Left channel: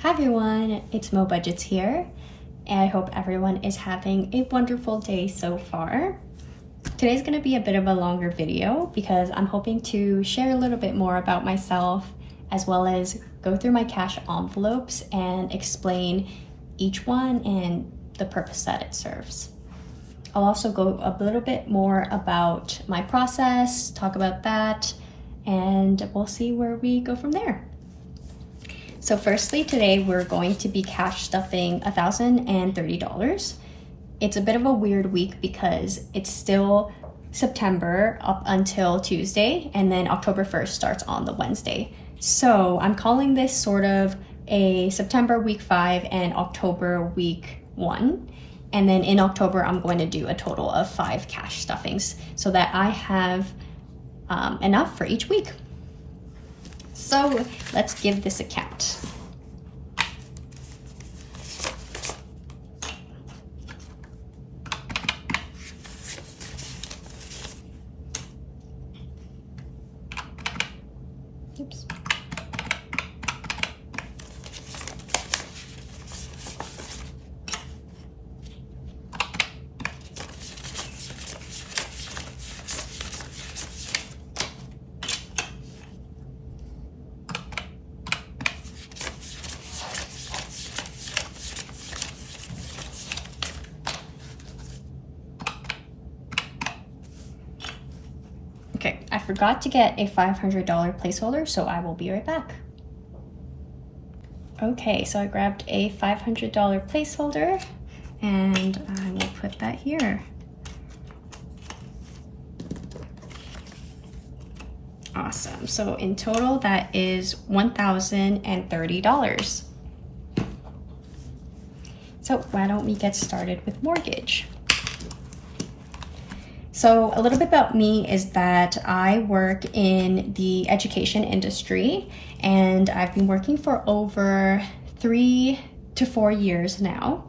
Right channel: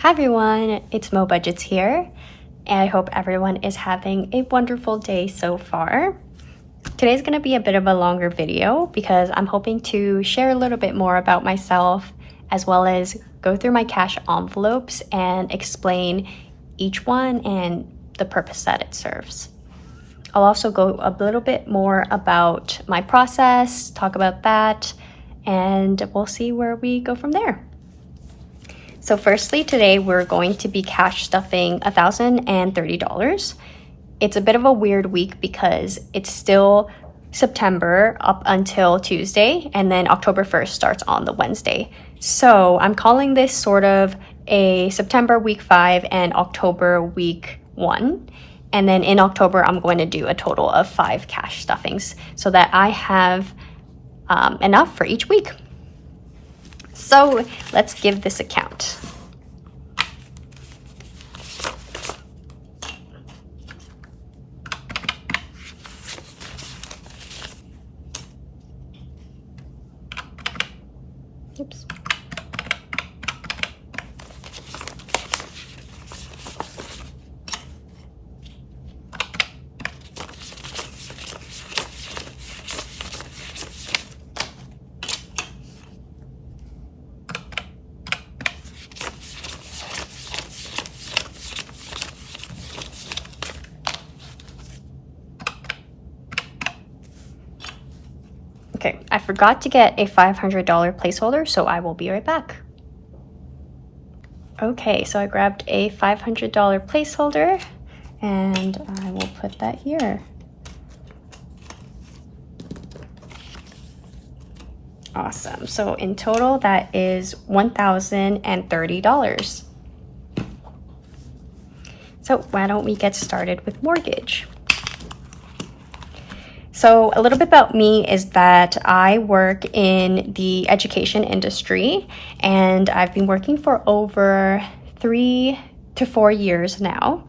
Hi everyone, it's Mo Budgets here, and I hope everyone is having a wonderful day so far. Today's gonna be a bit of a longer video because I'm hoping to share a little bit more about myself as well as go through my cash envelopes and explain each one and the purpose that it serves. I'll also go a little bit more about my process, talk about that, and we'll see where we go from there. So firstly, today we're going to be cash stuffing $1,030. It's a bit of a weird week because it's still September up until Tuesday, and then October 1st starts on the Wednesday. So I'm calling this sort of a September week 5 and October week 1. And then in October, I'm going to do a total of 5 cash stuffings so that I have enough for each week. So let's give this a count. Oops. Okay, I forgot to get a $500 placeholder, so I will be right back. Okay, so I grabbed a $500 placeholder and I will put that here. Awesome, so in total that is $1,030. So why don't we get started with mortgage? So a little bit about me is that I work in the education industry and I've been working for over 3 to 4 years now.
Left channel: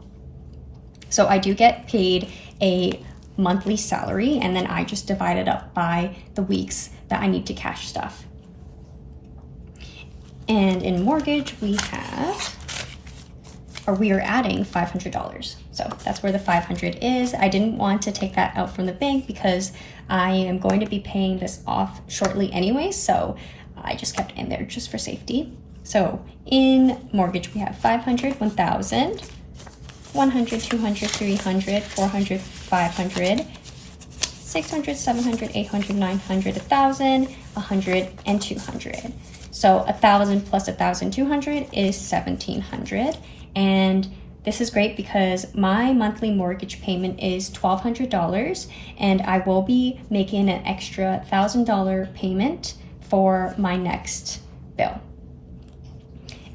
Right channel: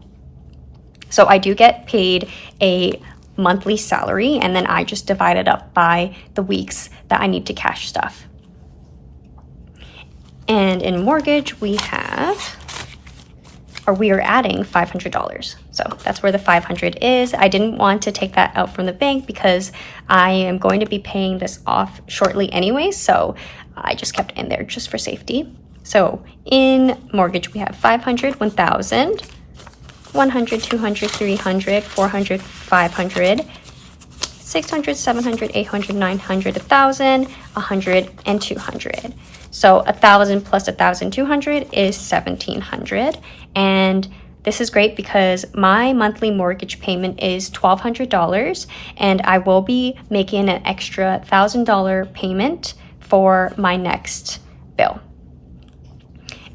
So I do get paid a monthly salary and then I just divide it up by the weeks that I need to cash stuff. And in mortgage we are adding $500. So that's where the 500 is. I didn't want to take that out from the bank because I am going to be paying this off shortly anyway. So I just kept it in there just for safety. So in mortgage, we have 500, 1,000, 100, 200, 300, 400, 500, 600, 700, 800, 900, 1,000, 100, and 200. So 1,000 plus 1,200 is 1,700. And this is great because my monthly mortgage payment is $1,200 and I will be making an extra $1,000 payment for my next bill.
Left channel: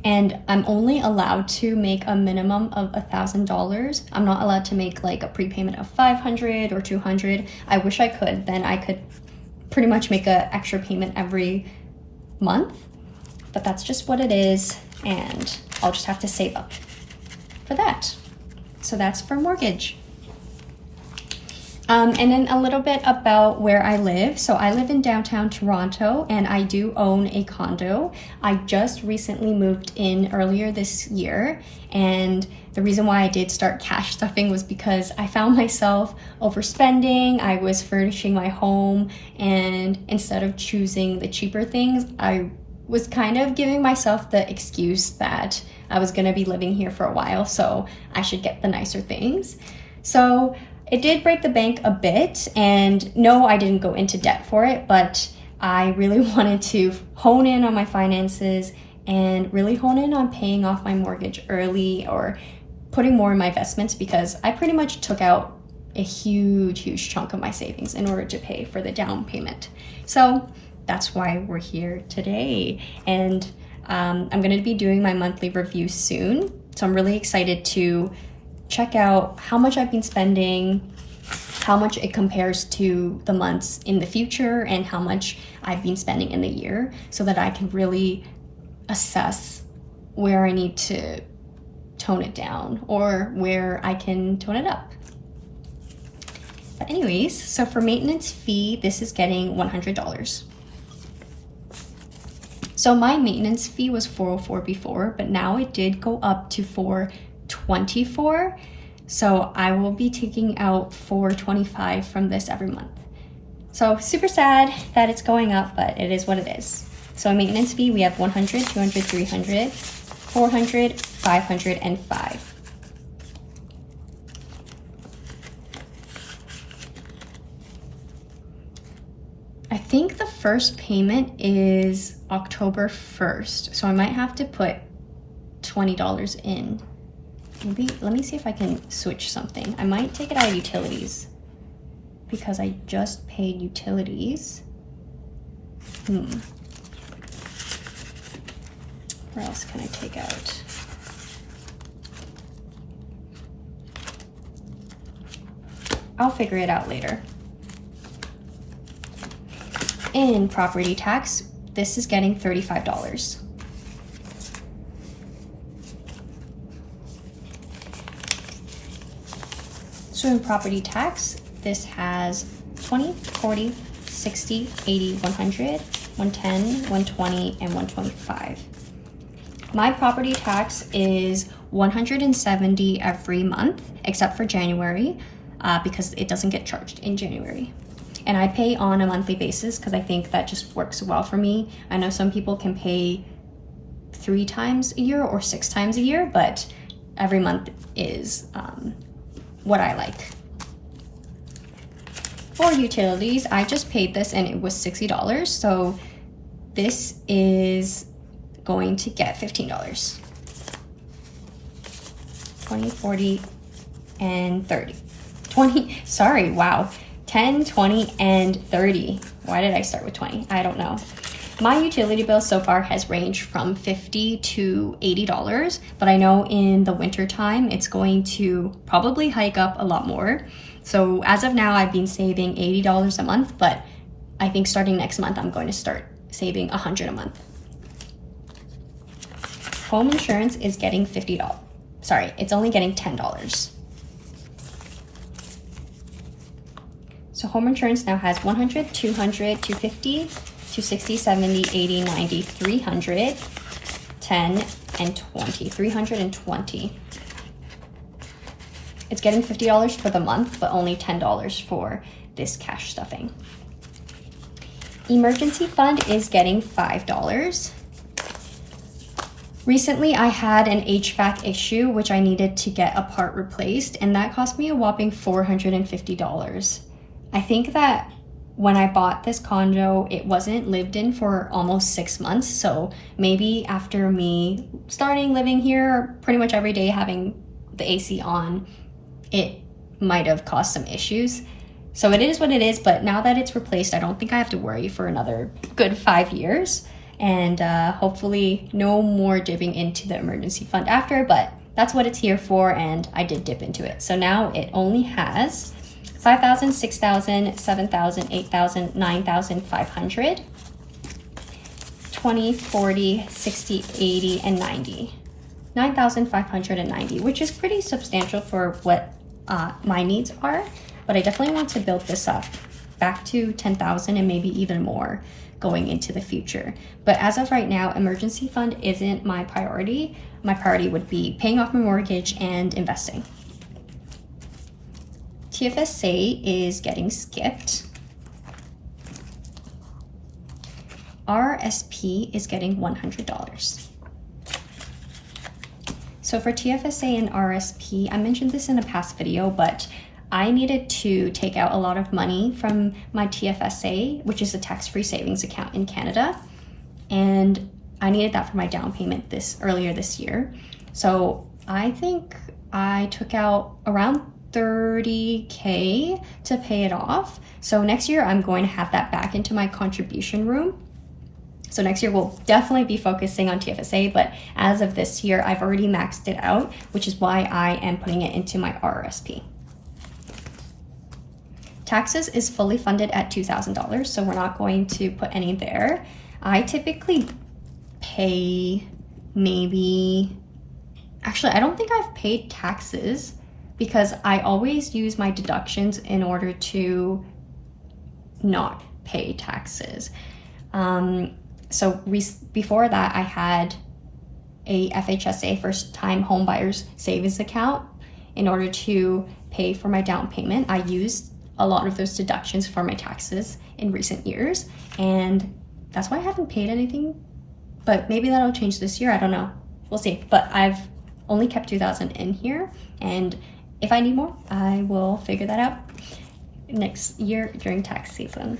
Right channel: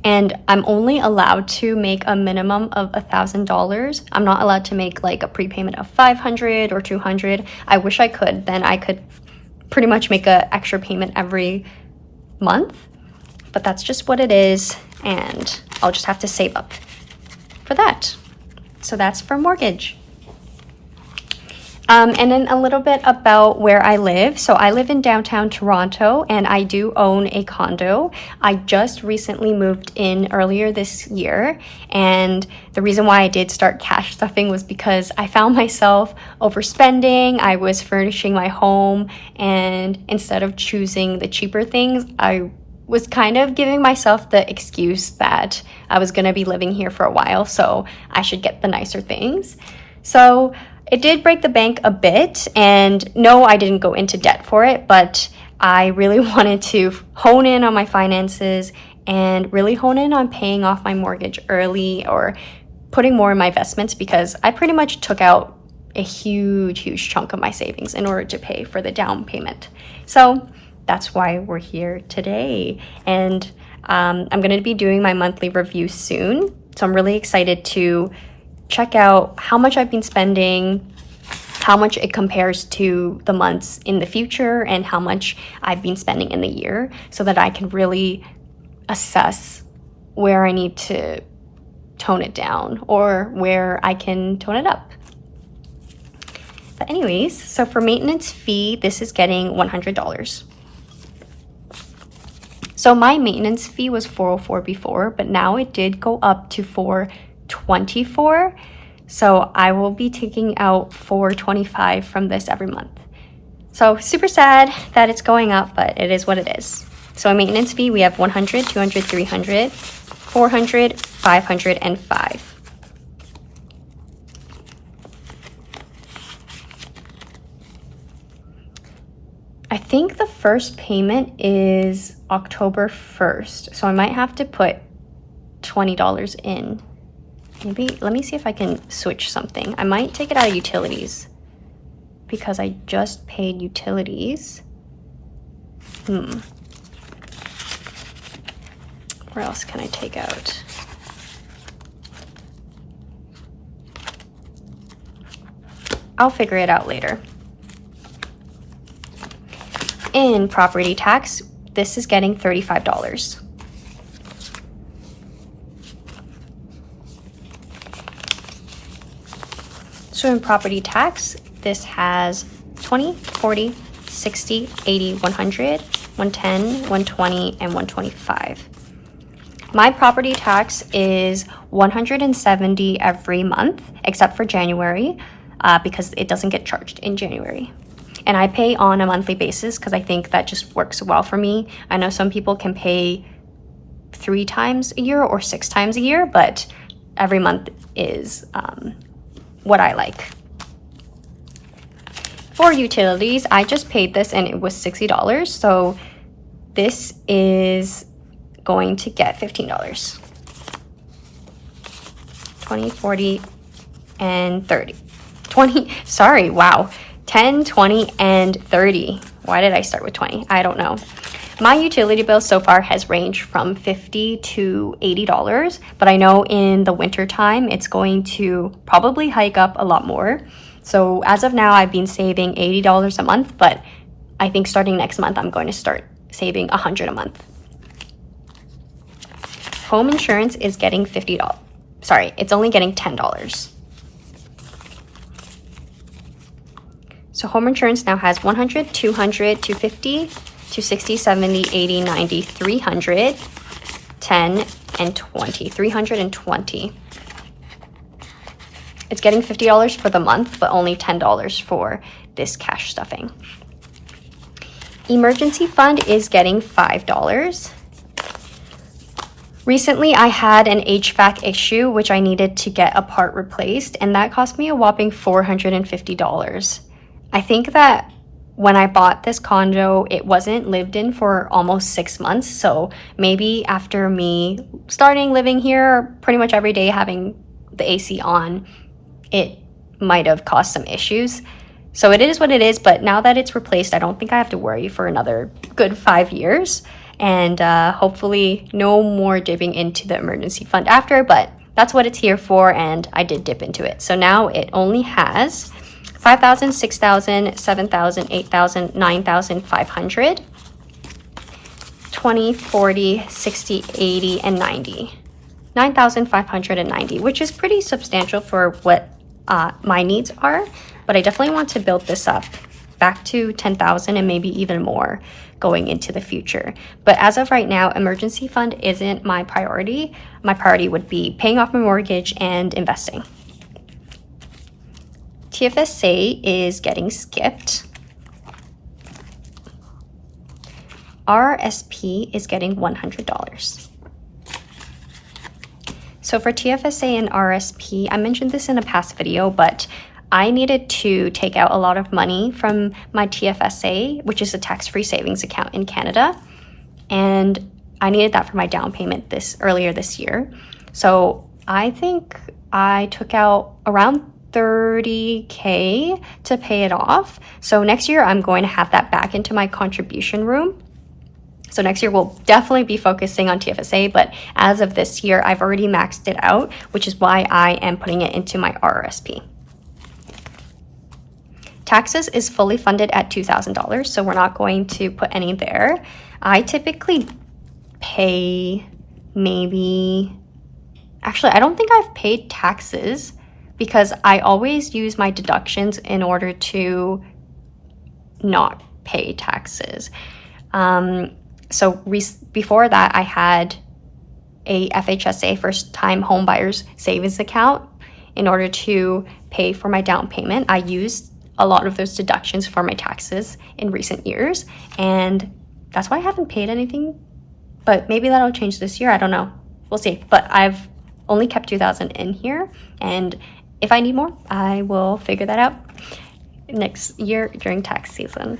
And I'm only allowed to make a minimum of $1,000. I'm not allowed to make like a prepayment of 500 or 200. I wish I could, then I could pretty much make an extra payment every month, but that's just what it is. And I'll just have to save up for that. So that's for mortgage. And then a little bit about where I live. So I live in downtown Toronto and I do own a condo. I just recently moved in earlier this year. And the reason why I did start cash stuffing was because I found myself overspending. I was furnishing my home and instead of choosing the cheaper things, I was kind of giving myself the excuse that I was gonna be living here for a while, so I should get the nicer things. So it did break the bank a bit, and no, I didn't go into debt for it, but I really wanted to hone in on my finances and really hone in on paying off my mortgage early or putting more in my investments because I pretty much took out a huge chunk of my savings in order to pay for the down payment. So that's why we're here today. And I'm gonna be doing my monthly review soon. So I'm really excited to check out how much I've been spending, how much it compares to the months in the future, and how much I've been spending in the year so that I can really assess where I need to tone it down or where I can tone it up. But anyways, so for maintenance fee, this is getting $100. So my maintenance fee was $404 before, but now it did go up to $424. So I will be taking out $425 from this every month. So super sad that it's going up, but it is what it is. So a maintenance fee, we have $100, $200, $300, $400, $500, and $5. I think the first payment is October 1st, so I might have to put $20 in. Maybe, let me see if I can switch something. I might take it out of utilities because I just paid utilities. Where else can I take out? I'll figure it out later. In property tax, this is getting $35. So in property tax, this has 20, 40, 60, 80, 100, 110, 120, and 125. My property tax is $170 every month, except for January, because it doesn't get charged in January. And I pay on a monthly basis because I think that just works well for me. I know some people can pay 3 times a year or 6 times a year, but every month is what I like. For utilities, I just paid this and it was $60. So this is going to get $15. 20, 40, and 30. 20, sorry, wow. 10, 20, and 30. Why did I start with 20? I don't know. My utility bill so far has ranged from $50 to $80, but I know in the winter time it's going to probably hike up a lot more. So as of now, I've been saving $80 a month, but I think starting next month, I'm going to start saving $100 a month. Home insurance is getting $50. Sorry, it's only getting $10. So home insurance now has 100, 200, 250, 260, 70, 80, 90, 300, 10, and 20. 320. It's getting $50 for the month, but only $10 for this cash stuffing. Emergency fund is getting $5. Recently, I had an HVAC issue, which I needed to get a part replaced, and that cost me a whopping $450. I think that when I bought this condo, it wasn't lived in for almost 6 months. So maybe after me starting living here pretty much every day, having the AC on, it might have caused some issues. So it is what it is, but now that it's replaced, I don't think I have to worry for another good 5 years. And hopefully no more dipping into the emergency fund after, but that's what it's here for, and I did dip into it. So now it only has $5,000, $6,000, $7,000, $8,000, $9,500, 20, 40, 60, 80, and 90. 9,590, which is pretty substantial for what my needs are, but I definitely want to build this up back to 10,000 and maybe even more going into the future. But as of right now, emergency fund isn't my priority. My priority would be paying off my mortgage and investing. TFSA is getting skipped. RSP is getting $100. So for TFSA and RSP, I mentioned this in a past video, but I needed to take out a lot of money from my TFSA, which is a tax-free savings account in Canada. And I needed that for my down payment earlier this year. So I think I took out around $30K to pay it off. So next year I'm going to have that back into my contribution room. So next year we'll definitely be focusing on TFSA, but as of this year, I've already maxed it out, which is why I am putting it into my RRSP. Taxes is fully funded at $2,000, so we're not going to put any there. I typically pay actually, I don't think I've paid taxes because I always use my deductions in order to not pay taxes. So before that, I had a FHSA, first time home buyers savings account, in order to pay for my down payment. I used a lot of those deductions for my taxes in recent years, and that's why I haven't paid anything, but maybe that'll change this year. I don't know. We'll see. But I've only kept $2,000 in here, and if I need more, I will figure that out next year during tax season.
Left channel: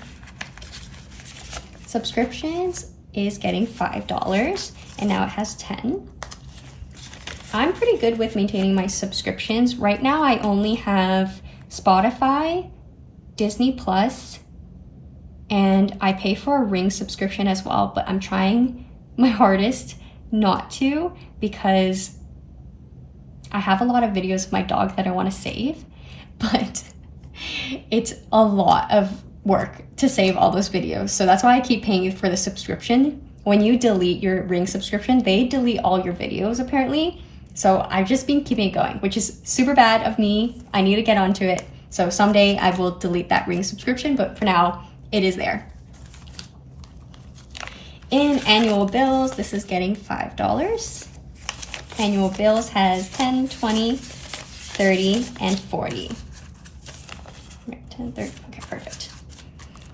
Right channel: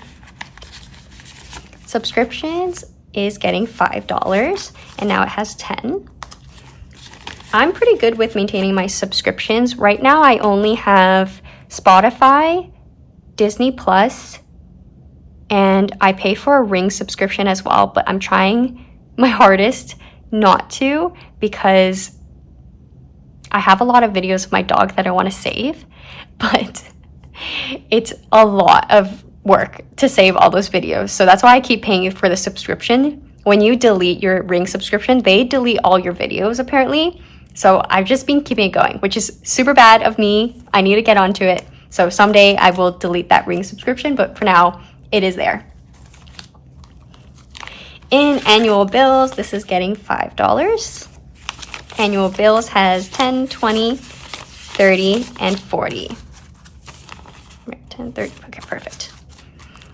Subscriptions is getting $5, and now it has 10. I'm pretty good with maintaining my subscriptions. Right now, I only have Spotify, Disney Plus, and I pay for a Ring subscription as well, but I'm trying my hardest not to, because I have a lot of videos of my dog that I want to save, but it's a lot of work to save all those videos. So that's why I keep paying for the subscription. When you delete your Ring subscription, they delete all your videos apparently. So I've just been keeping it going, which is super bad of me. I need to get onto it. So someday I will delete that Ring subscription, but for now it is there. In annual bills, this is getting $5. Annual bills has 10, 20, 30, and 40. 10, 30, okay, perfect.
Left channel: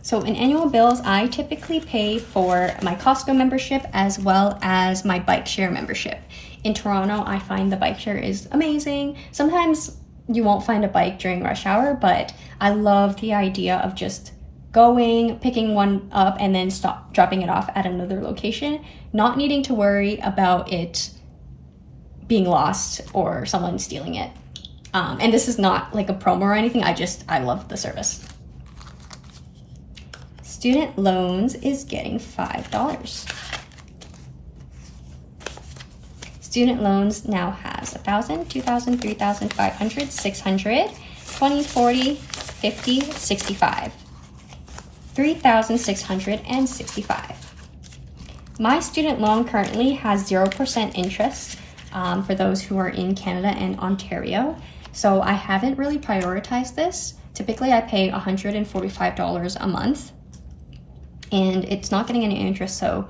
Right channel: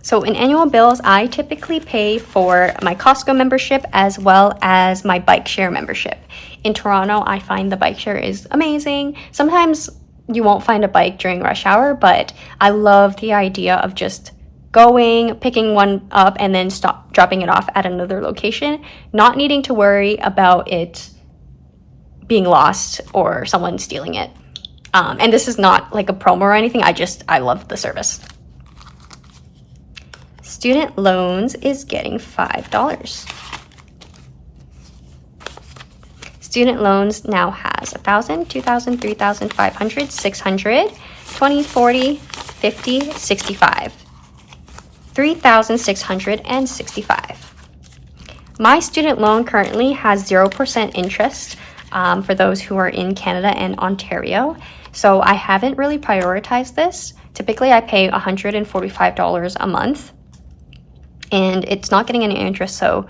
So in annual bills, I typically pay for my Costco membership as well as my bike share membership. In Toronto, I find the bike share is amazing. Sometimes you won't find a bike during rush hour, but I love the idea of just going, picking one up, and then dropping it off at another location, not needing to worry about it being lost or someone stealing it. And this is not like a promo or anything. I love the service. Student loans is getting $5. Student loans now has 1,000, 2,000, 3,000, 500, 600, 20, 40, 50, 65. 3,665. My student loan currently has 0% interest for those who are in Canada and Ontario. So I haven't really prioritized this. Typically I pay $145 a month and it's not getting any interest. So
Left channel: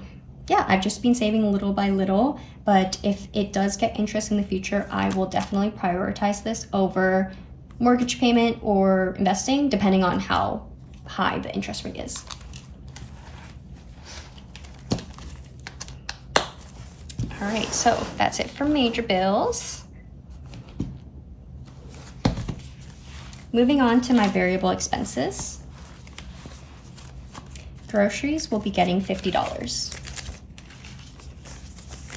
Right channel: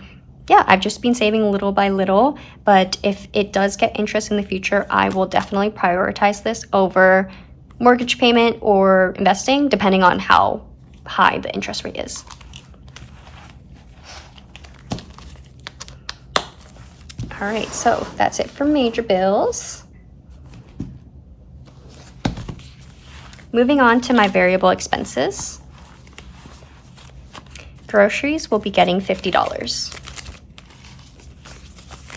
yeah, I've just been saving little by little, but if it does get interest in the future, I will definitely prioritize this over mortgage payment or investing, depending on how high the interest rate is. All right, so that's it for major bills. Moving on to my variable expenses. Groceries will be getting $50.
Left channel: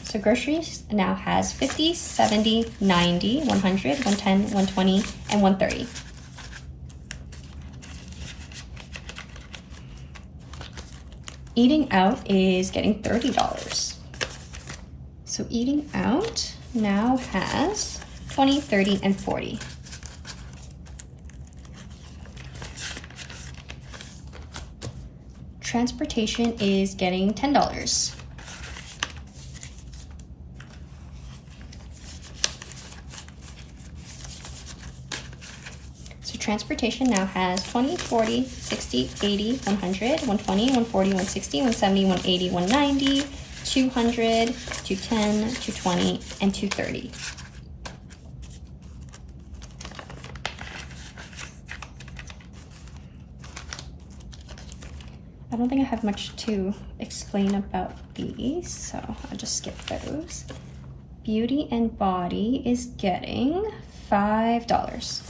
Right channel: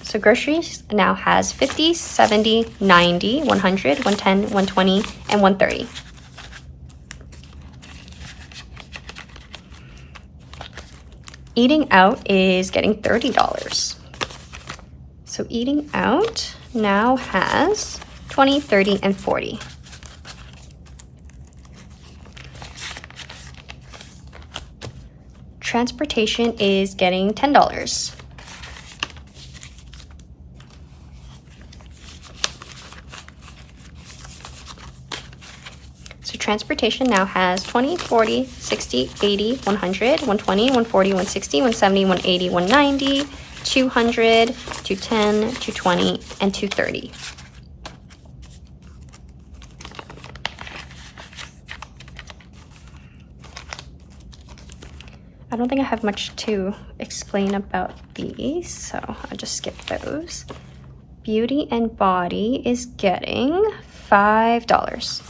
So groceries now has 50, 70, 90, 100, 110, 120, and 130. Eating out is getting $30. So eating out now has 20, 30, and 40. Transportation is getting $10. So transportation now has 20, 40, 60, 80, 100, 120, 140, 160, 170, 180, 190, 200, 210, 220, and 230. I don't think I have much to explain about these, so I'll just skip those. Beauty and Body is getting $5.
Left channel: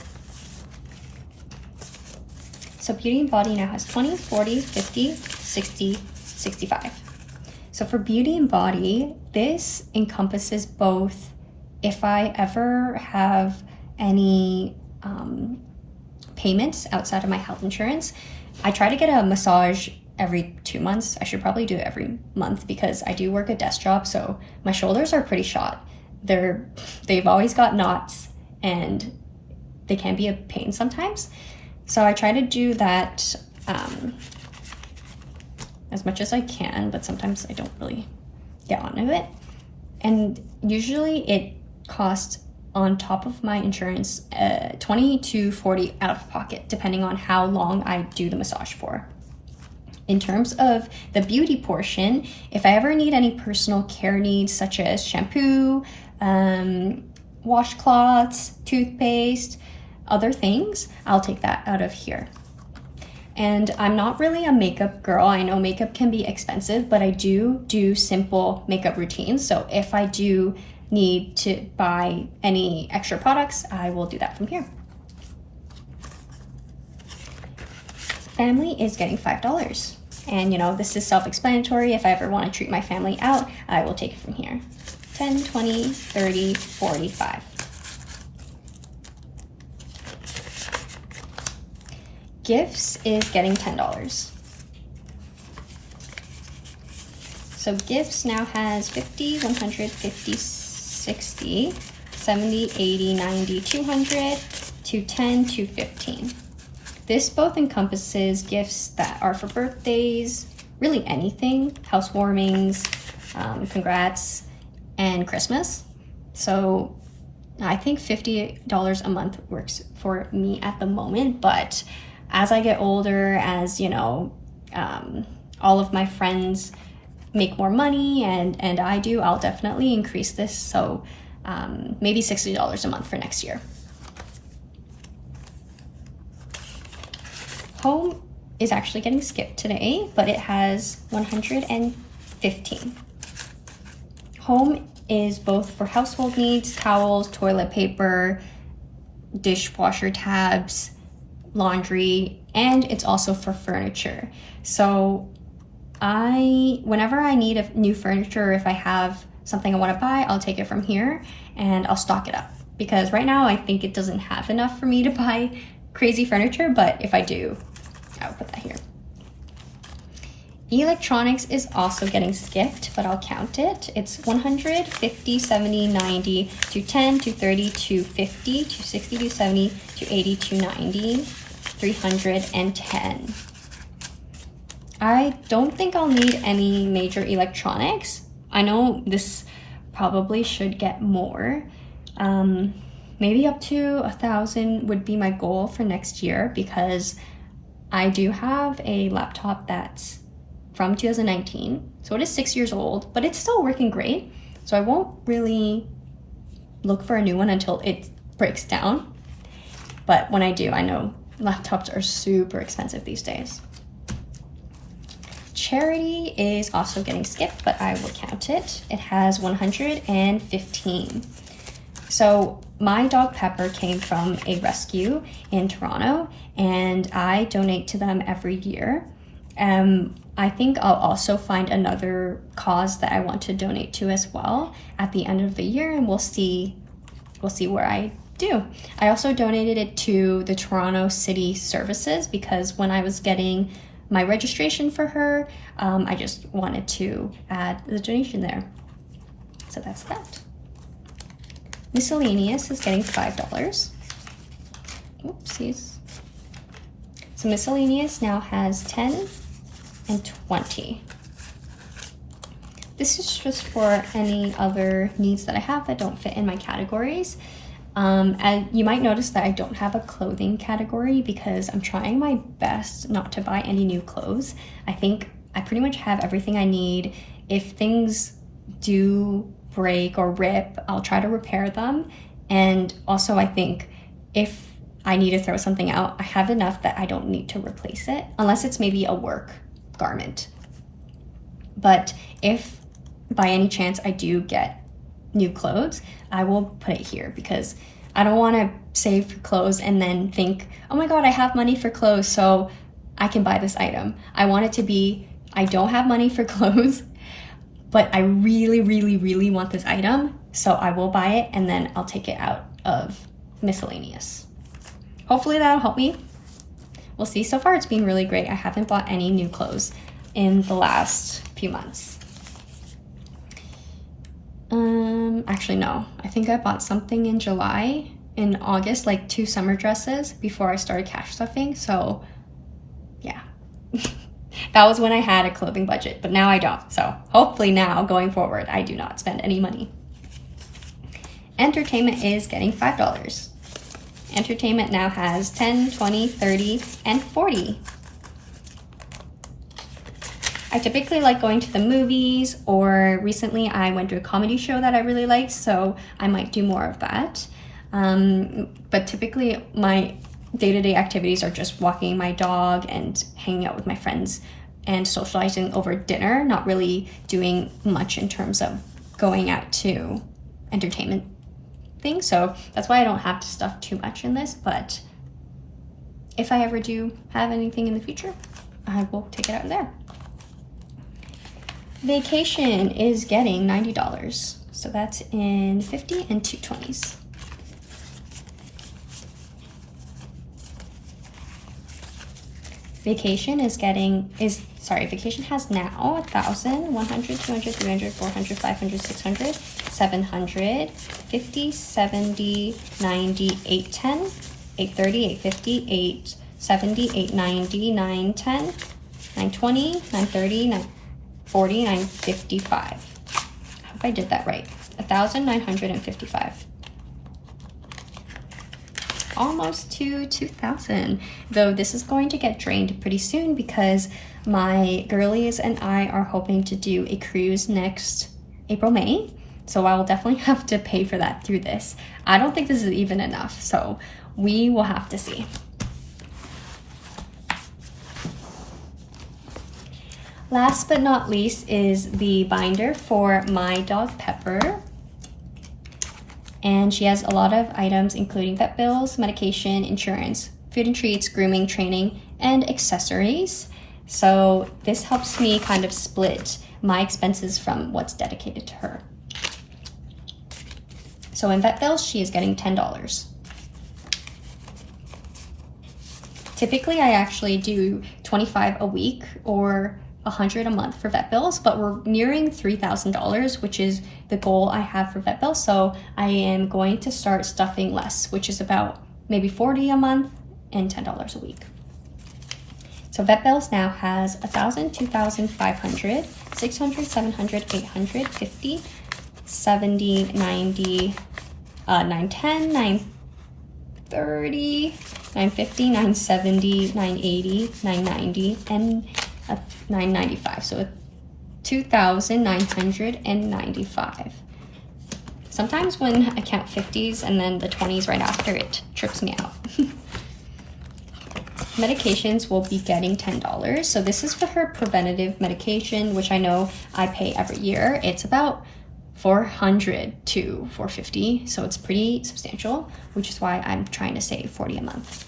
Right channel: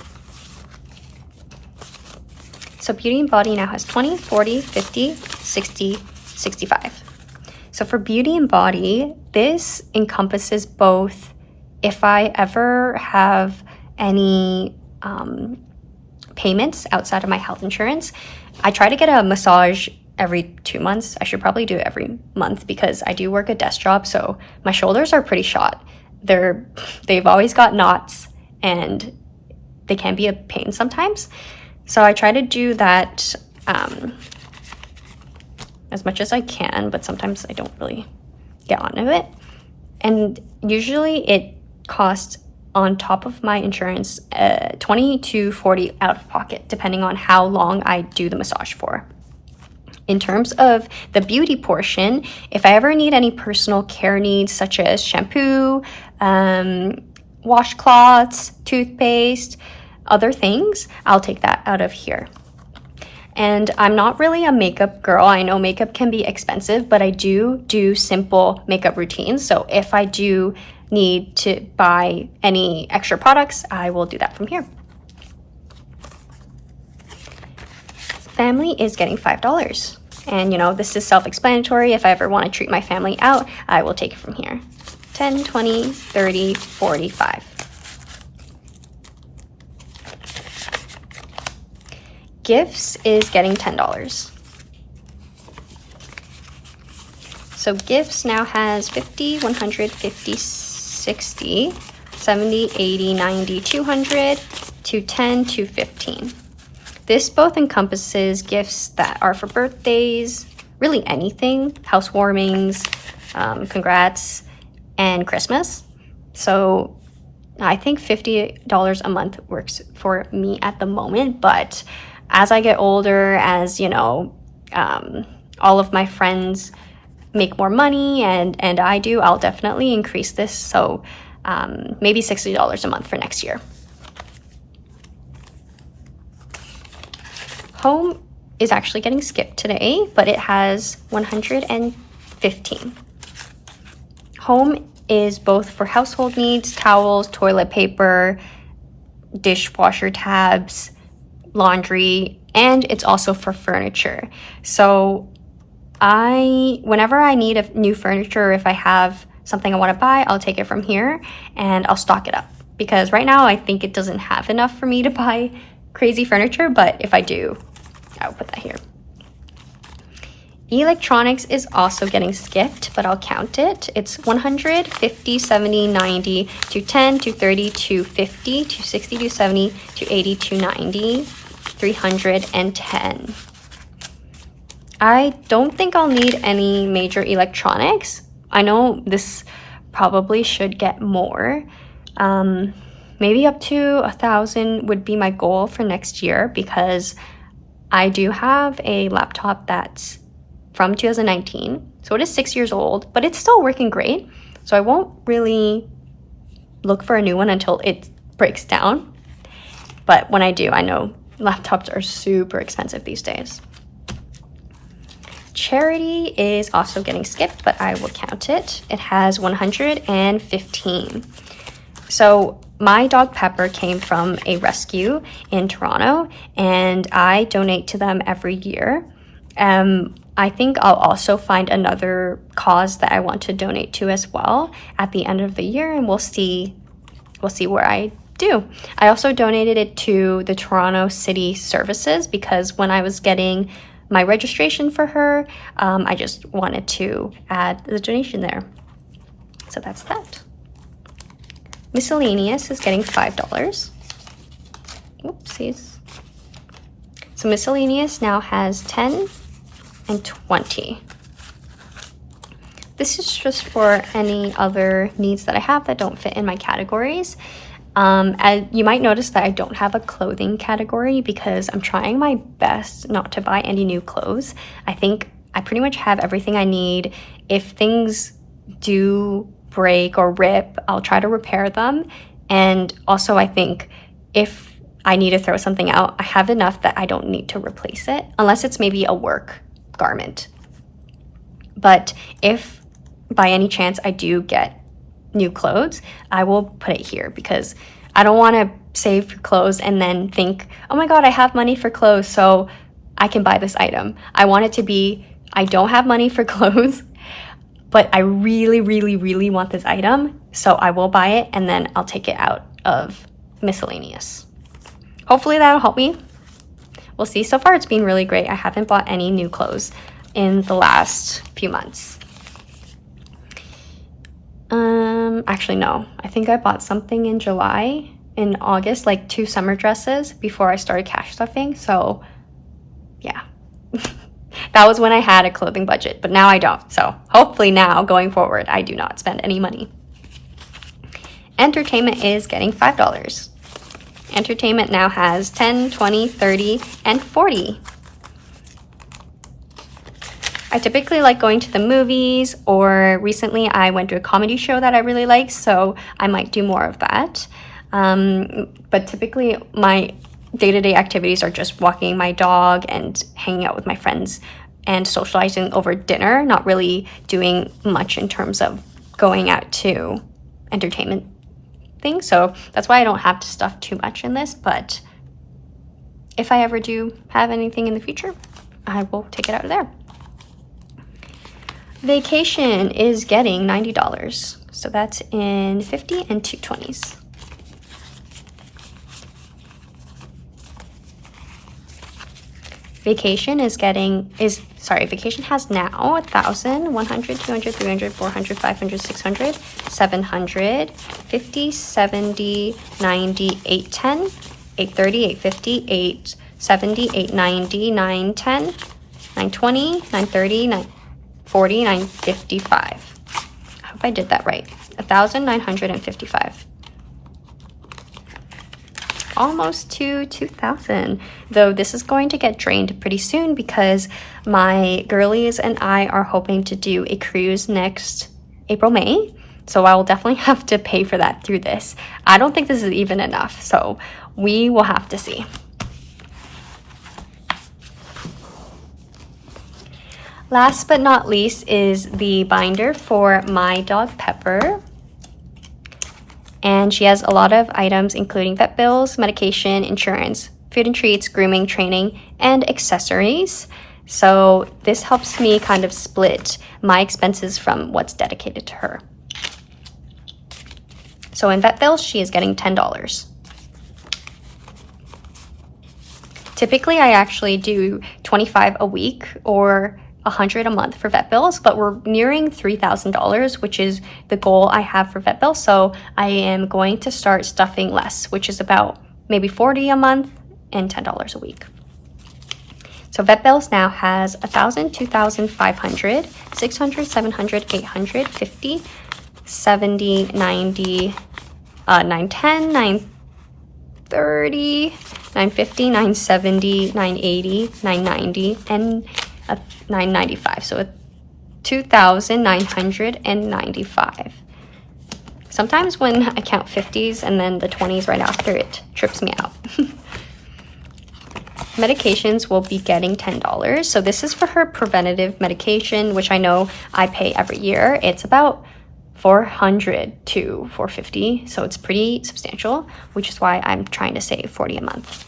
So Beauty and Body now has 20, 40, 50, 60, 65. So for Beauty and Body, this encompasses both if I ever have any payments outside of my health insurance. I try to get a massage every 2 months. I should probably do it every month because I do work a desk job, so my shoulders are pretty shot. They've always got knots and they can be a pain sometimes. So I try to do that as much as I can, but sometimes I don't really get onto it. And usually it costs, on top of my insurance, 20 to 40 out of pocket, depending on how long I do the massage for. In terms of the beauty portion, if I ever need any personal care needs such as shampoo, washcloths, toothpaste, other things, I'll take that out of here. And I'm not really a makeup girl. I know makeup can be expensive, but I do simple makeup routines. So if I do need to buy any extra products, I will do that from here. Family is getting $5. And you know, this is self-explanatory. If I ever want to treat my family out, I will take it from here. 10, 20, 30, 45. Gifts is getting $10. So gifts now has 50, 100, 50, 60, 70, 80, 90, 200, 210, 215. This both encompasses gifts that are for birthdays, really anything, housewarmings, congrats, and Christmas. So I think $50 a month works for me at the moment, but as I get older, as you know, all of my friends make more money and I do, I'll definitely increase this. So maybe $60 a month for next year. Home is actually getting skipped today, but it has 115. Home is both for household needs, towels, toilet paper, dishwasher tabs, laundry, and it's also for furniture. So whenever I need a new furniture, or if I have something I want to buy, I'll take it from here and I'll stock it up. Because right now I think it doesn't have enough for me to buy crazy furniture, but if I do, I'll put that here. Electronics is also getting skipped, but I'll count it. It's 100, 50, 70, 90, 210, 230, 250, 260, 270, 280, 290, 310. I don't think I'll need any major electronics. I know this probably should get more. Maybe up to 1,000 would be my goal for next year, because I do have a laptop that's from 2019. So it is 6 years old, but it's still working great. So I won't really look for a new one until it breaks down. But when I do, I know laptops are super expensive these days. Charity is also getting skipped, but I will count it. It has 115. So my dog Pepper came from a rescue in Toronto, and I donate to them every year. I think I'll also find another cause that I want to donate to as well at the end of the year, and we'll see where I do. I also donated it to the Toronto City Services because when I was getting my registration for her, I just wanted to add the donation there. So that's that. Miscellaneous is getting $5. Oopsies. So miscellaneous now has 10 and 20. This is just for any other needs that I have that don't fit in my categories. And you might notice that I don't have a clothing category because I'm trying my best not to buy any new clothes. I think I pretty much have everything I need. If things do break or rip, I'll try to repair them. And also I think if I need to throw something out, I have enough that I don't need to replace it, unless it's maybe a work garment. But if by any chance I do get new clothes, I will put it here because I don't want to save for clothes and then think, oh my god, I have money for clothes, so I can buy this item. I want it to be, I don't have money for clothes, but I really, really, really want this item, so I will buy it and then I'll take it out of miscellaneous. Hopefully that'll help me. We'll see. So far it's been really great. I haven't bought any new clothes in the last few months. Actually no, I think I bought something in July, in August, like 2 summer dresses before I started cash stuffing. So yeah, that was when I had a clothing budget, but now I don't. So hopefully now going forward, I do not spend any money. Entertainment is getting $5. Entertainment now has 10, 20, 30, and 40. I typically like going to the movies, or recently I went to a comedy show that I really liked, so I might do more of that. But typically my day-to-day activities are just walking my dog and hanging out with my friends and socializing over dinner, not really doing much in terms of going out to entertainment things. So that's why I don't have to stuff too much in this, but if I ever do have anything in the future, I will take it out of there. Vacation is getting $90. So that's in 50 and 220s. Vacation Vacation has now 1,000, 100, 200, 300, 400, 500, 600, 700, 50, 70, 90, 810, 830, 850, 870, 890, 910, 920, 930, 940, 955. I hope I did that right. 1,955. Almost to 2,000, though this is going to get drained pretty soon because my girlies and I are hoping to do a cruise next April, May. So I will definitely have to pay for that through this. I don't think this is even enough, so we will have to see. Last but not least is the binder for my dog Pepper. And she has a lot of items, including vet bills, medication, insurance, food and treats, grooming, training, and accessories. So this helps me kind of split my expenses from what's dedicated to her. So in vet bills, she is getting $10. Typically, I actually do $25 a week or $100 a month for vet bills, but we're nearing $3,000, which is the goal I have for vet bills. So I am going to start stuffing less, which is about maybe $40 a month and $10 a week. So vet bills now has 1,000, 2,500, 600, 700, 800, 50, 70, 90, 910, 930, 950, 970, 980, 990, and 995. So 2,995. Sometimes when I count 50s and then the 20s right after, it trips me out. Medications will be getting $10. So this is for her preventative medication, which I know I pay every year. It's about $400 to $450, so it's pretty substantial, which is why I'm trying to save $40 a month.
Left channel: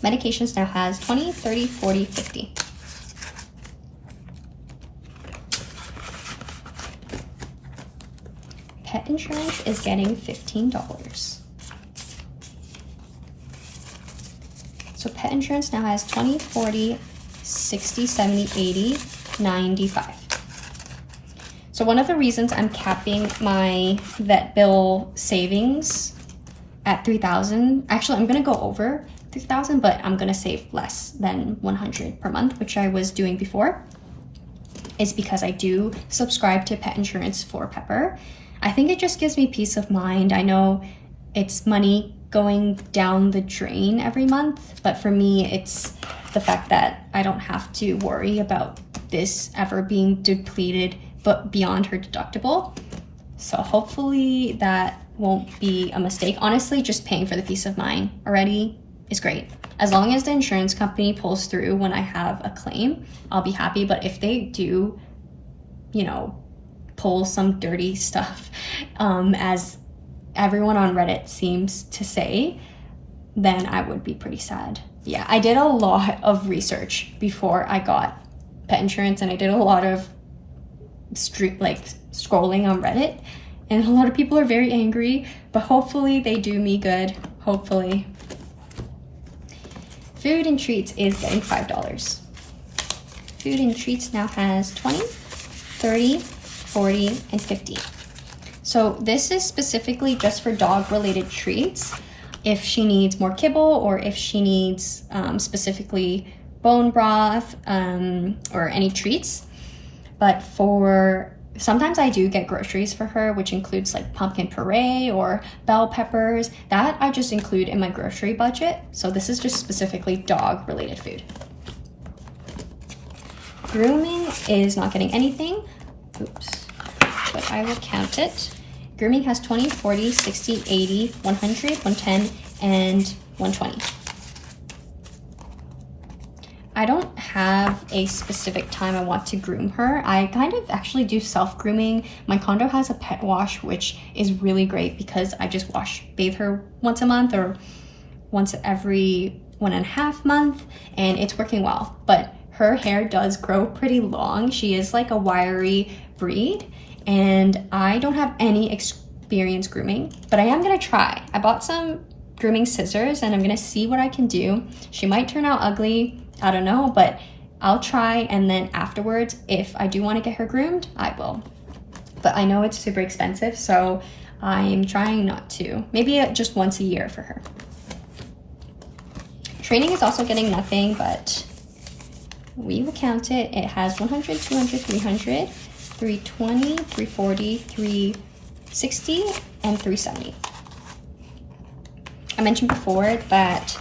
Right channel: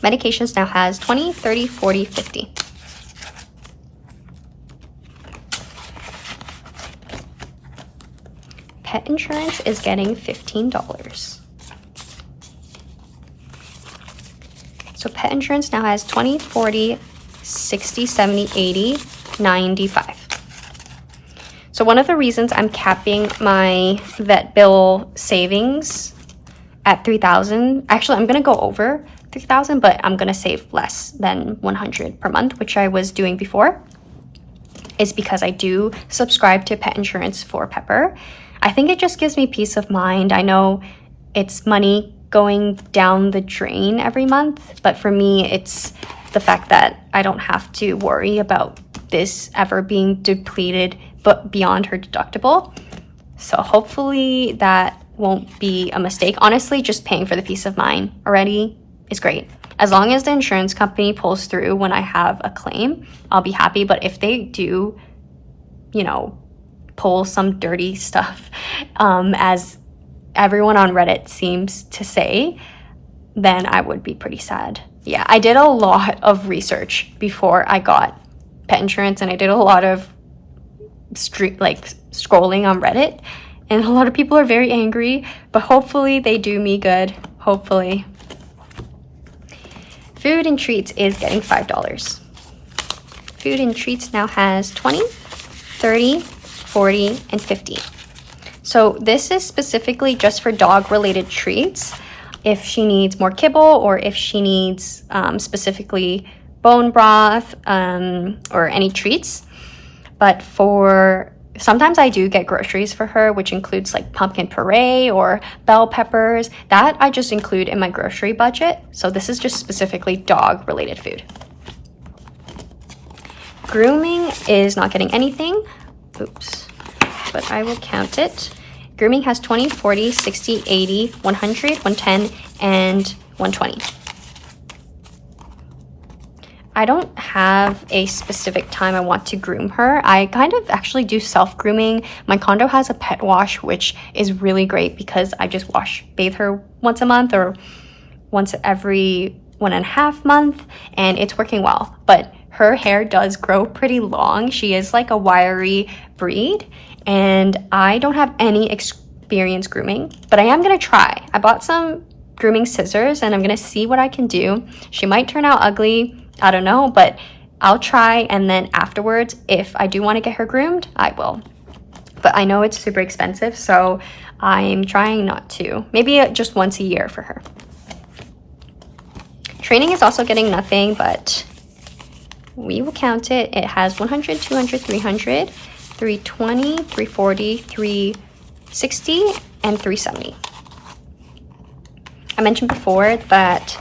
Medications now has 20, 30, 40, 50. Pet insurance is getting $15. So pet insurance now has 20, 40, 60, 70, 80, 95. So one of the reasons I'm capping my vet bill savings at $3,000, actually I'm gonna go over $3,000, but I'm gonna save less than $100 per month, which I was doing before, is because I do subscribe to pet insurance for Pepper. I think it just gives me peace of mind. I know it's money going down the drain every month, but for me, it's the fact that I don't have to worry about this ever being depleted but beyond her deductible. So hopefully that won't be a mistake. Honestly, just paying for the peace of mind already is great. As long as the insurance company pulls through when I have a claim, I'll be happy. But if they do, pull some dirty stuff, as everyone on Reddit seems to say, then I would be pretty sad. Yeah, I did a lot of research before I got pet insurance, and I did a lot of scrolling on Reddit, and a lot of people are very angry, but hopefully they do me good, hopefully. Food and treats is getting $5. Food and treats now has 20, 30, 40, and 50. So this is specifically just for dog related treats. If she needs more kibble, or if she needs specifically bone broth or any treats. But sometimes I do get groceries for her, which includes like pumpkin puree or bell peppers. That I just include in my grocery budget. So this is just specifically dog related food. grooming is not getting anything. Oops, but I will count it. Grooming has 20, 40, 60, 80, 100, 110, and 120. I don't have a specific time I want to groom her. I kind of actually do self-grooming. My condo has a pet wash, which is really great because I just bathe her once a month or once every 1.5 months, and it's working well. But her hair does grow pretty long. She is like a wiry breed, and I don't have any experience grooming, but I am gonna try. I bought some grooming scissors and I'm gonna see what I can do. She might turn out ugly, I don't know, but I'll try, and then afterwards, if I do want to get her groomed, I will. But I know it's super expensive, so I'm trying not to. Maybe just once a year for her. Training is also getting nothing, but we will count it. It has 100, 200, 300, 320, 340, 360, and 370. I mentioned before that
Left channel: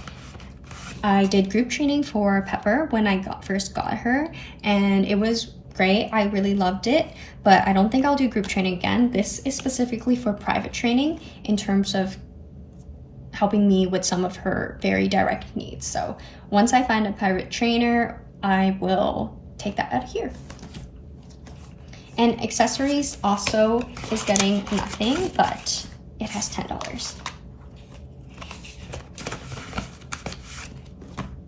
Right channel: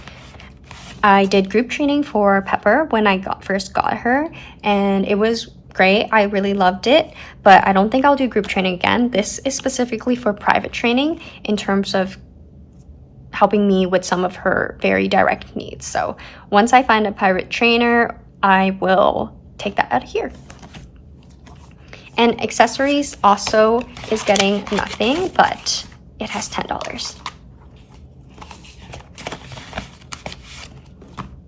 I did group training for Pepper when I first got her, and it was great. I really loved it, but I don't think I'll do group training again. This is specifically for private training in terms of helping me with some of her very direct needs. So once I find a private trainer, I will take that out of here. And accessories also is getting nothing, but it has $10.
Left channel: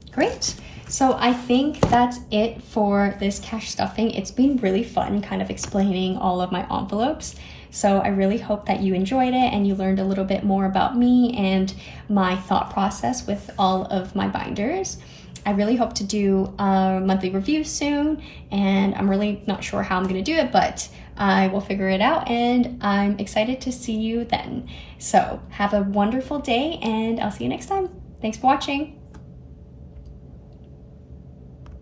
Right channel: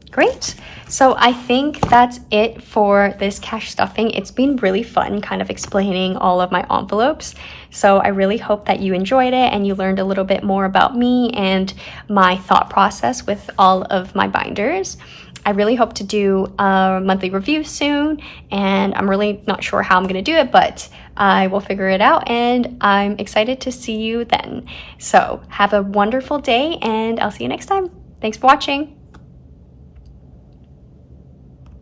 Great. So I think that's it for this cash stuffing. It's been really fun kind of explaining all of my envelopes. So I really hope that you enjoyed it and you learned a little bit more about me and my thought process with all of my binders. I really hope to do a monthly review soon, and I'm really not sure how I'm going to do it, but I will figure it out, and I'm excited to see you then. So have a wonderful day, and I'll see you next time. Thanks for watching.